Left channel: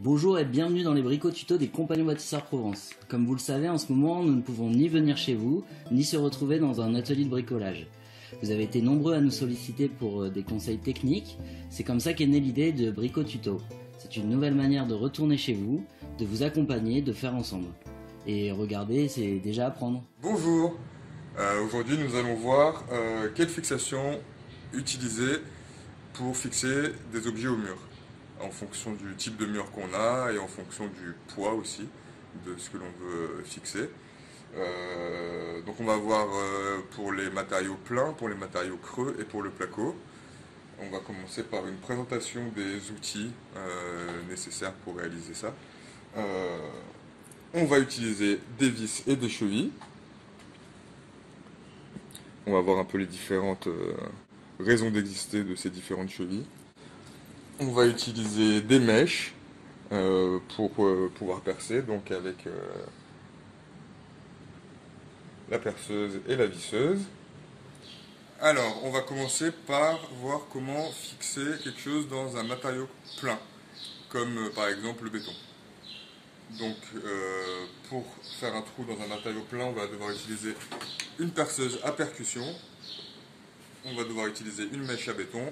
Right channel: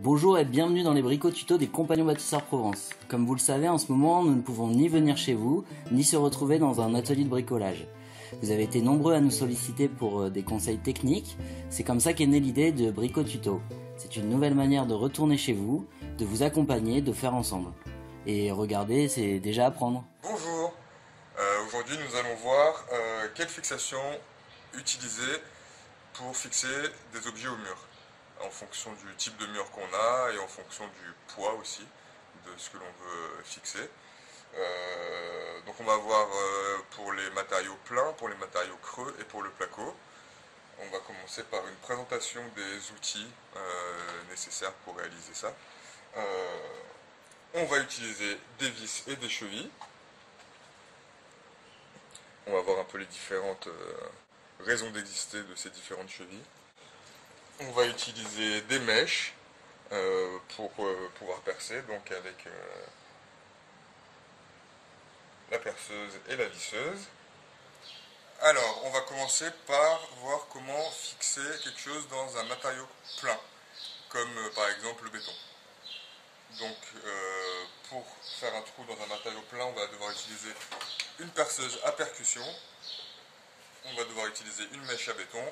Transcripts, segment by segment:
Bonjour et bienvenue dans les bricots tutos des Compagnons Bâtisseurs Provence. Comme vous le savez, en ce moment, nous ne pouvons ni venir chez vous, ni se retrouver dans un atelier de bricolage. Vous avez été nombreux à nous solliciter pour des conseils techniques, c'est comme ça qu'est née l'idée de bricots tutos. C'est une nouvelle manière de retourner chez vous, de vous accompagner, de faire ensemble. Et regardez, c'est déjà apprendre. Bonjour, aujourd'hui nous allons voir quelle fixation utiliser pour fixer des objets au mur, en fonction du type de mur qu'on a et en fonction du poids aussi de ce que l'on veut fixer. Donc on va voir pour les matériaux pleins, pour les matériaux creux et pour le placo. On va commencer par une présentation des outils nécessaires pour réaliser ça. On va utiliser des vis et des chevilles. On va voir un peu les différentes raisons d'exister de ces différentes chevilles. On va utiliser des mèches pour pouvoir percer, donc avec la perceuse et la visseuse. Alors, on va commencer par voir comment fixer quelque chose dans un matériau plein, comme par exemple le béton. Donc, pour faire un trou dans un matériau plein, on va devoir utiliser une perceuse à percussion, on va devoir utiliser une mèche à béton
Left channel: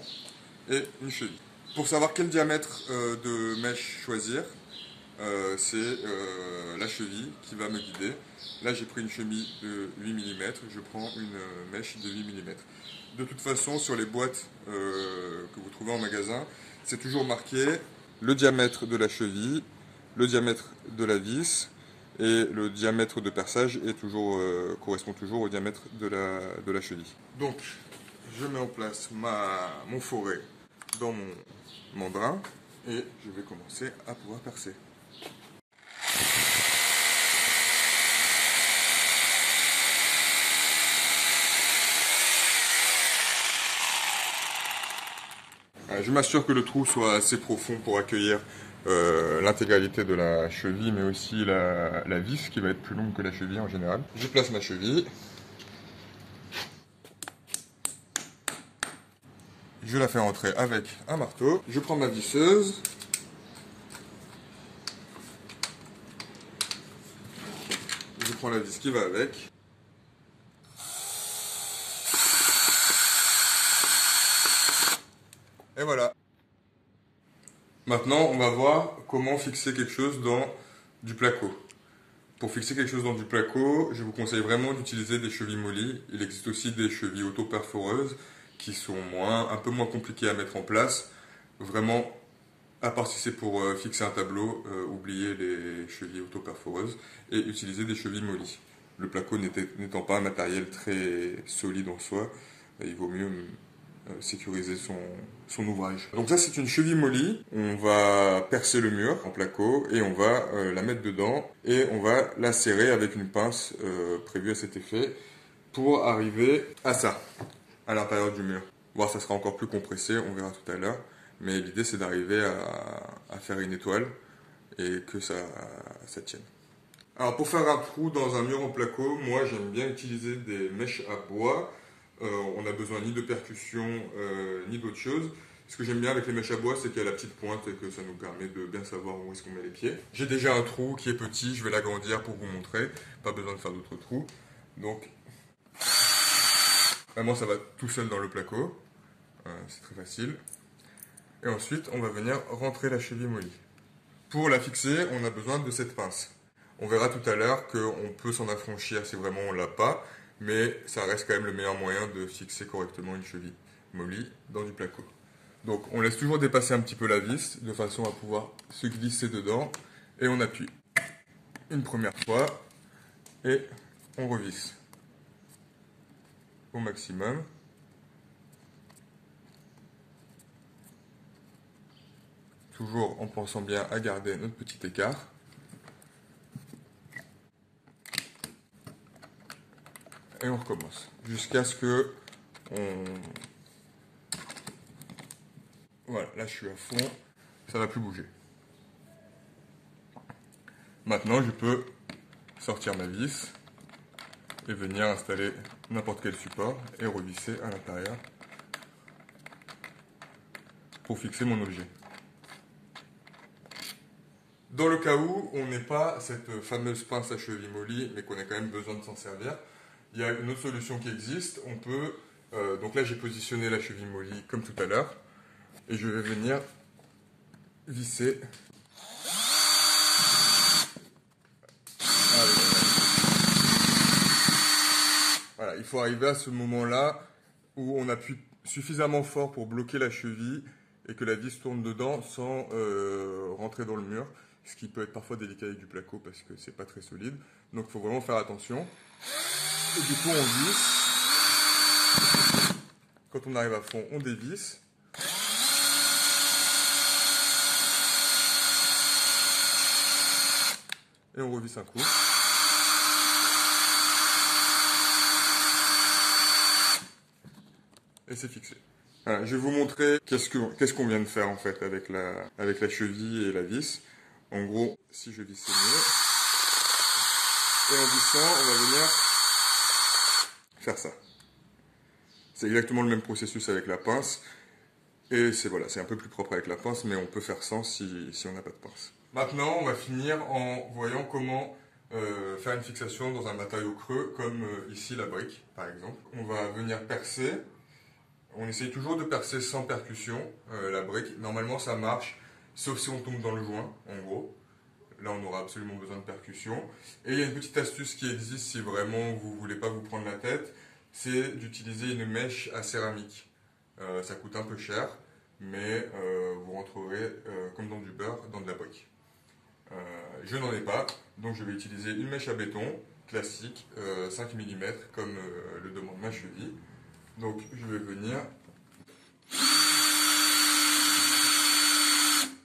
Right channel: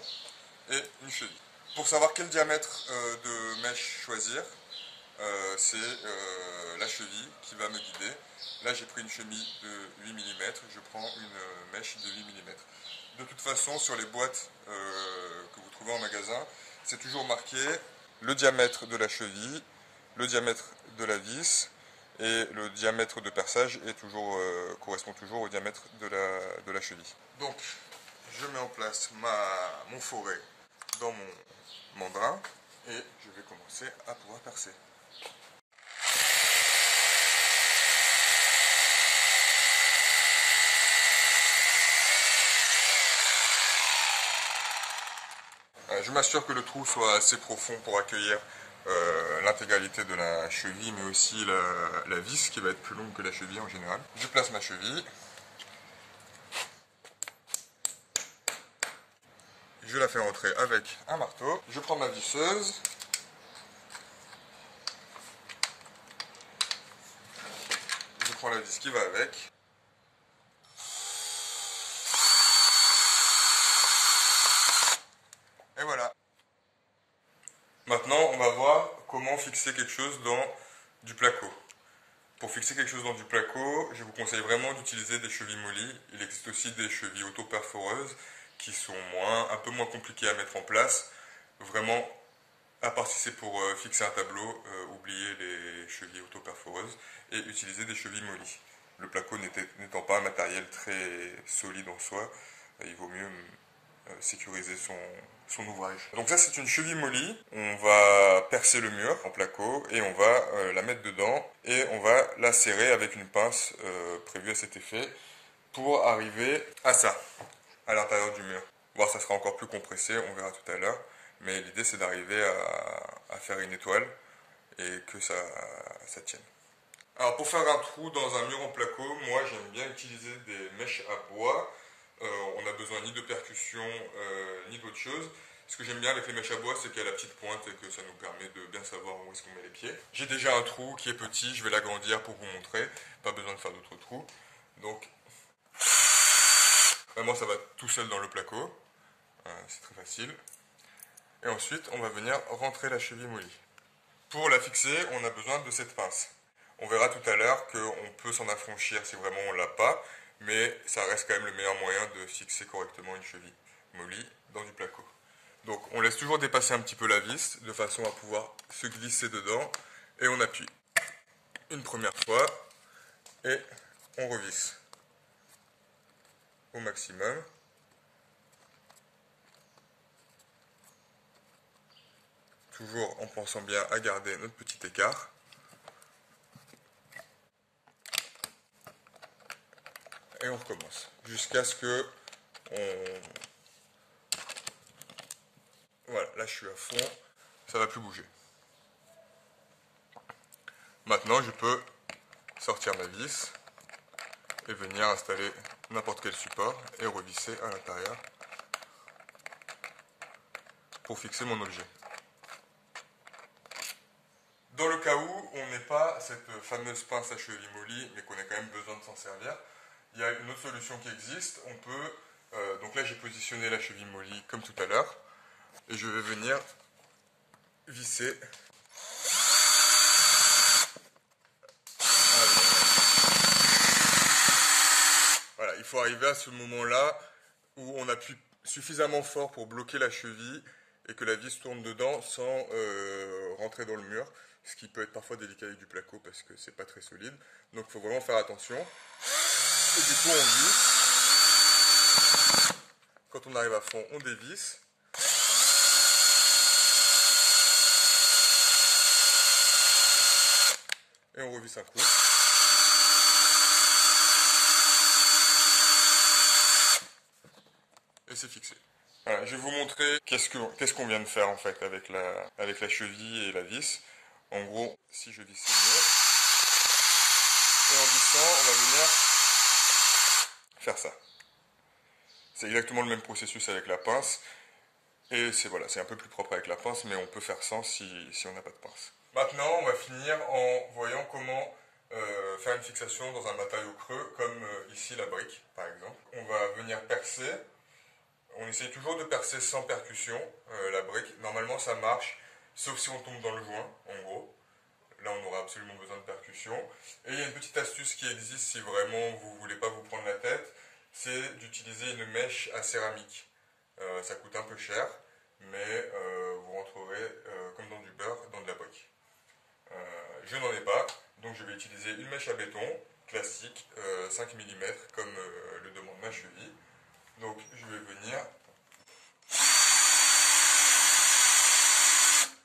et une cheville. Pour savoir quel diamètre de mèche choisir, c'est la cheville qui va me guider. Là, j'ai pris une cheville de 8 mm, je prends une mèche de 8 mm. De toute façon, sur les boîtes que vous trouvez en magasin, c'est toujours marqué le diamètre de la cheville, le diamètre de la vis, et le diamètre de perçage est toujours, correspond toujours au diamètre de la cheville. Donc, je mets en place mon forêt dans mon mandrin et je vais commencer à pouvoir percer. Je m'assure que le trou soit assez profond pour accueillir l'intégralité de la cheville, mais aussi la vis qui va être plus longue que la cheville en général. Je place ma cheville. Je la fais entrer avec un marteau. Je prends ma visseuse. Je prends la vis qui va avec. Et voilà. Maintenant, on va voir comment fixer quelque chose dans du placo. Pour fixer quelque chose dans du placo, je vous conseille vraiment d'utiliser des chevilles mollies. Il existe aussi des chevilles auto-perforeuses qui sont un peu moins compliquées à mettre en place. Vraiment, à part si c'est pour fixer un tableau, oubliez les chevilles auto-perforeuses et utilisez des chevilles mollies. Le placo n'étant pas un matériel très solide en soi, il vaut mieux sécuriser son ouvrage. Donc ça, c'est une cheville mollie. On va percer le mur en placo et on va la mettre dedans et on va la serrer avec une pince prévue à cet effet pour arriver à ça, à l'intérieur du mur. Bon, ça sera encore plus compressé, on verra tout à l'heure. Mais l'idée, c'est d'arriver à faire une étoile et que ça tienne. Alors, pour faire un trou dans un mur en placo, moi, j'aime bien utiliser des mèches à bois. On n'a besoin ni de percussion, ni d'autre chose. Ce que j'aime bien avec les mèches à bois, c'est qu'il y a la petite pointe et que ça nous permet de bien savoir où est-ce qu'on met les pieds. J'ai déjà un trou qui est petit, je vais l'agrandir pour vous montrer. Pas besoin de faire d'autres trous. Donc, vraiment, ça va tout seul dans le placo. C'est très facile. Et ensuite, on va venir rentrer la cheville mollie. Pour la fixer, on a besoin de cette pince. On verra tout à l'heure qu'on peut s'en affranchir si vraiment on ne l'a pas, mais ça reste quand même le meilleur moyen de fixer correctement une cheville mollie dans du placo. Donc on laisse toujours dépasser un petit peu la vis, de façon à pouvoir se glisser dedans, et on appuie une première fois, et on revisse au maximum. Toujours en pensant bien à garder notre petit écart. Et on recommence. Jusqu'à ce que Voilà, là je suis à fond. Ça va plus bouger. Maintenant, je peux sortir ma vis et venir installer n'importe quel support et revisser à l'intérieur pour fixer mon objet. Dans le cas où on n'ait pas cette fameuse pince à cheville molly, mais qu'on ait quand même besoin de s'en servir, il y a une autre solution qui existe. On peut, donc là j'ai positionné la cheville molly comme tout à l'heure, et je vais venir visser. Voilà, il faut arriver à ce moment-là où on appuie suffisamment fort pour bloquer la cheville et que la vis tourne dedans sans rentrer dans le mur, ce qui peut être parfois délicat avec du placo parce que c'est pas très solide. Donc il faut vraiment faire attention. Et du coup on visse. Quand on arrive à fond, on dévisse. Et on revisse un coup. Et c'est fixé. Voilà, je vais vous montrer qu'est-ce qu'on vient de faire en fait avec la cheville et la vis. En gros, si je visse mieux, et en vissant, on va venir faire ça. C'est exactement le même processus avec la pince. Et c'est voilà, c'est un peu plus propre avec la pince, mais on peut faire sans si on n'a pas de pince. Maintenant, on va finir en voyant comment faire une fixation dans un matériau creux, comme ici la brique par exemple. On va venir percer. On essaye toujours de percer sans percussion la brique. Normalement ça marche, sauf si on tombe dans le joint, en gros. Là on aura absolument besoin de percussion. Et il y a une petite astuce qui existe si vraiment vous ne voulez pas vous prendre la tête, c'est d'utiliser une mèche à céramique. Ça coûte un peu cher, mais vous rentrerez comme dans du beurre dans de la brique. Je n'en ai pas, donc je vais utiliser une mèche à béton classique, 5 mm, comme le demande ma cheville. Donc je vais venir,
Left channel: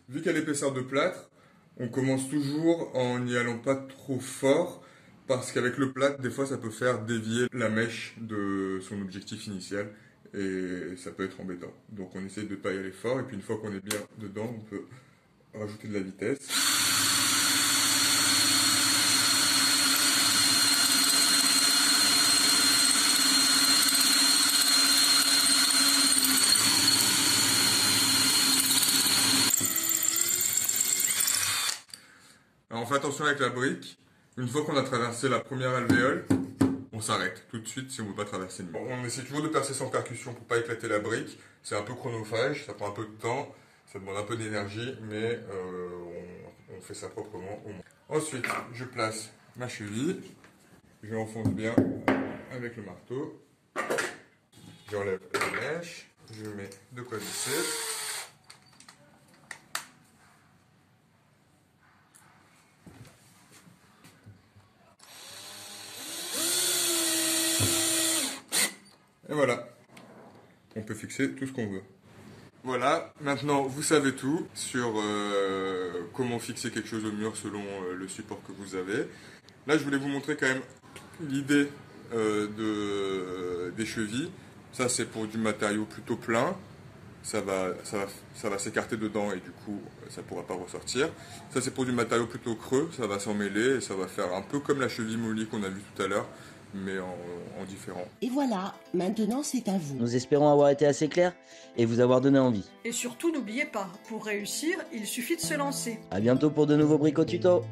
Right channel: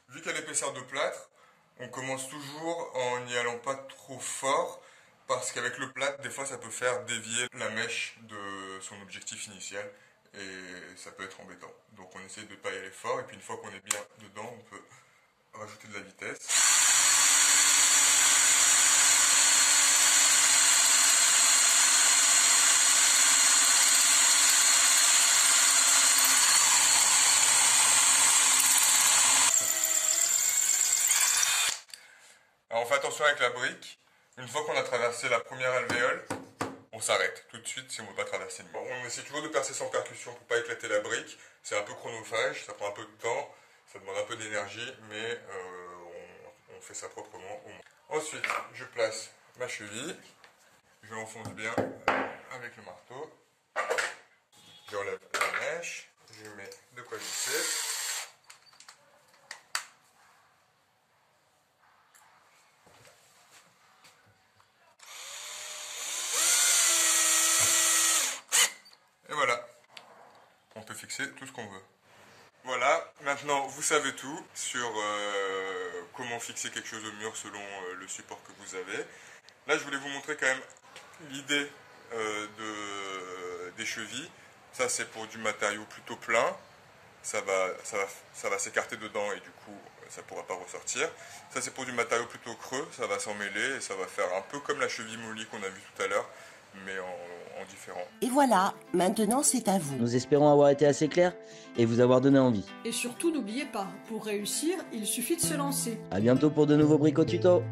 vu qu'à l'épaisseur de plâtre, on commence toujours en n'y allant pas trop fort, parce qu'avec le plâtre, des fois ça peut faire dévier la mèche de son objectif initial, et ça peut être embêtant. Donc on essaie de ne pas y aller fort, et puis une fois qu'on est bien dedans, on peut rajouter de la vitesse. Alors on fait attention avec la brique, une fois qu'on a traversé la première alvéole, on s'arrête tout de suite si on ne veut pas traverser le mur. On essaie toujours de percer sans percussion pour ne pas éclater la brique, c'est un peu chronophage, ça prend un peu de temps, ça demande un peu d'énergie, mais on fait ça proprement au moins. Ensuite, je place ma cheville, je l'enfonce bien avec le marteau, j'enlève la mèche, je mets de quoi visser. Et voilà, on peut fixer tout ce qu'on veut. Voilà, maintenant vous savez tout sur comment fixer quelque chose au mur selon le support que vous avez. Là je voulais vous montrer quand même l'idée des chevilles. Ça c'est pour du matériau plutôt plein, ça va s'écarter dedans et du coup ça ne pourra pas ressortir. Ça c'est pour du matériau plutôt creux, ça va s'emmêler et ça va faire un peu comme la cheville molly qu'on a vue tout à l'heure, mais en différent. Et voilà, maintenant c'est à vous. Nous espérons avoir été assez clairs et vous avoir donné envie. Et surtout, n'oubliez pas, pour réussir, il suffit de se lancer. À bientôt pour de nouveaux bricotutos.